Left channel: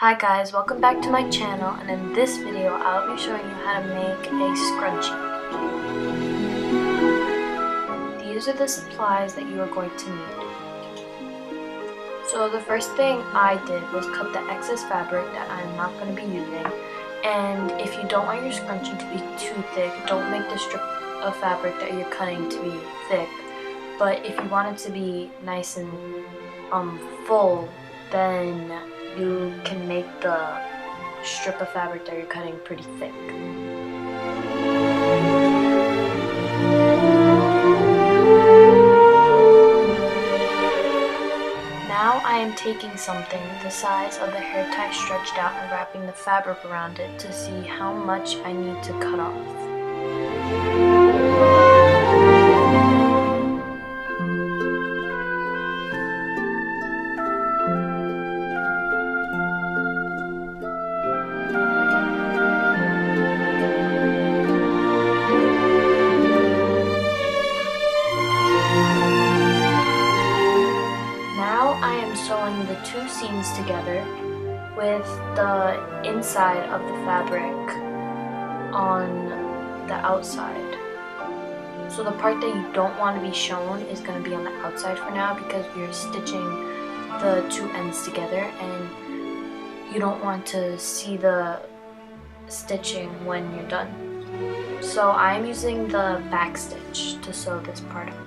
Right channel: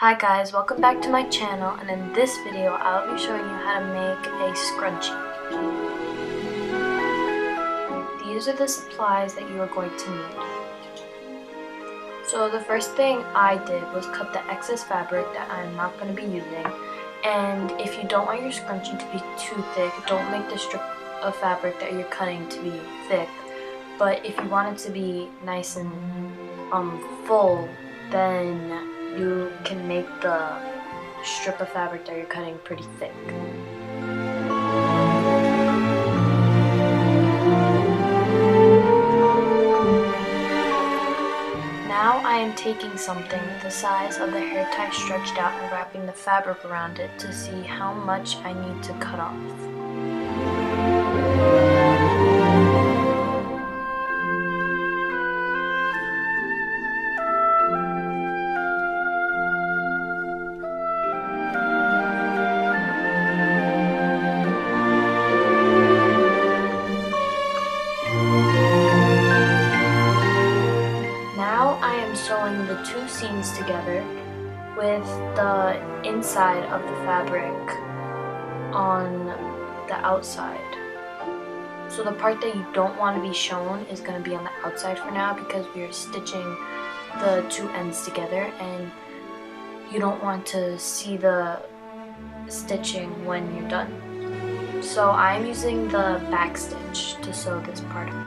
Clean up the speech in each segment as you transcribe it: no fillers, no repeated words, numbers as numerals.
Hi guys, welcome back to my channel, and in this video I'll be showing you how to make a scrunchie. These are the supplies that you are going to need. So the first thing I did was cut the excess fabric that I'm not going to be using, and if you don't want your scrunchie to be too thick, don't make the strip of fabric that you're cutting to be thick, but if you want it to be nice and full, then you can make the strip of fabric that you're cutting pretty thick. Now I am taking something the size of the hair tie stretched out and wrapping the fabric around it to see how much I need to cut off. I am sewing the two seams together with the inside of the fabric on the outside. So the part that you don't want to be shown is going to be on the outside for now, because we are stitching the two ends together and you don't want to see the stitching when you're done. So I'm using the back stitch to sew this part up.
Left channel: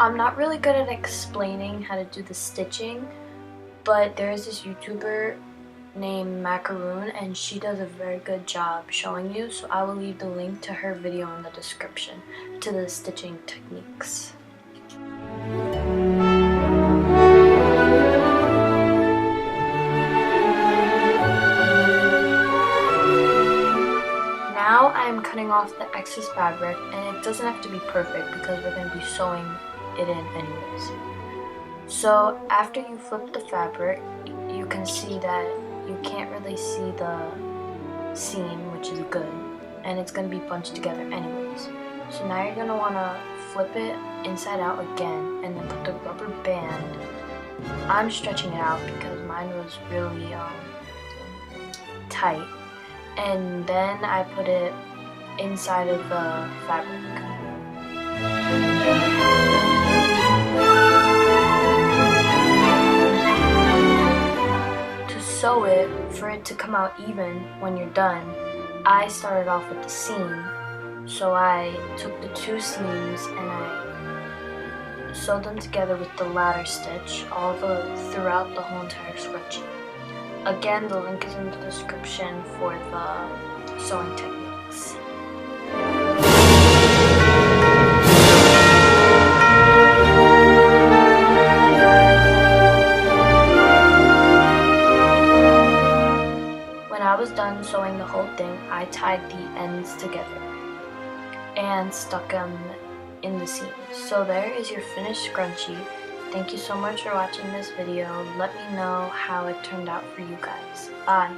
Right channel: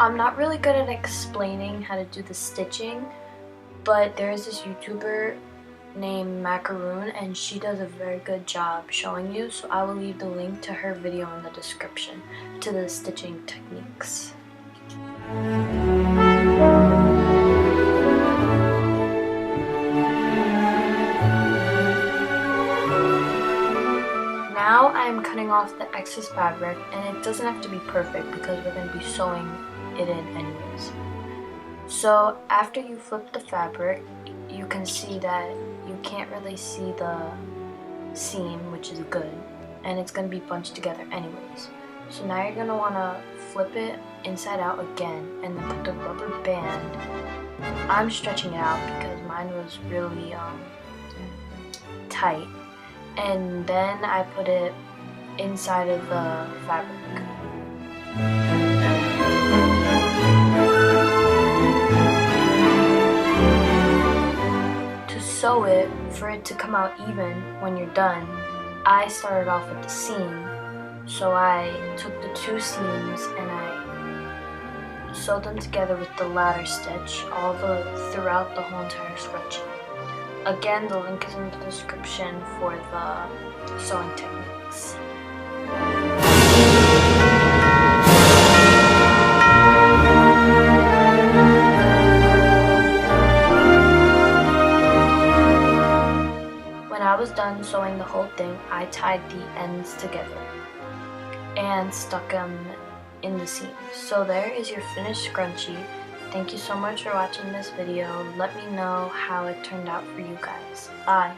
I'm not really good at explaining how to do the stitching, but there is this YouTuber named Macaroon and she does a very good job showing you, so I will leave the link to her video in the description to the stitching techniques. Now I am cutting off the excess fabric, and it doesn't have to be perfect because we're going to be sewing it in anyways. So after you flip the fabric, you can see that you can't really see the seam, which is good, and it's going to be bunched together anyways. So now you're going to want to flip it inside out again and then put the rubber band. I'm stretching it out because mine was really tight, and then I put it inside of the fabric. Sew it, for it to come out even when you're done, I started off with the seam. So I took the two seams and I sewed them together with the ladder stitch throughout the whole entire scrunchie. Again, the link is in the description for the sewing techniques. When I was done sewing the whole thing, I tied the ends together and stuck them in the seams. So there is your finished scrunchie. Thank you so much for watching this video. Let me know how it turned out for you guys. Bye!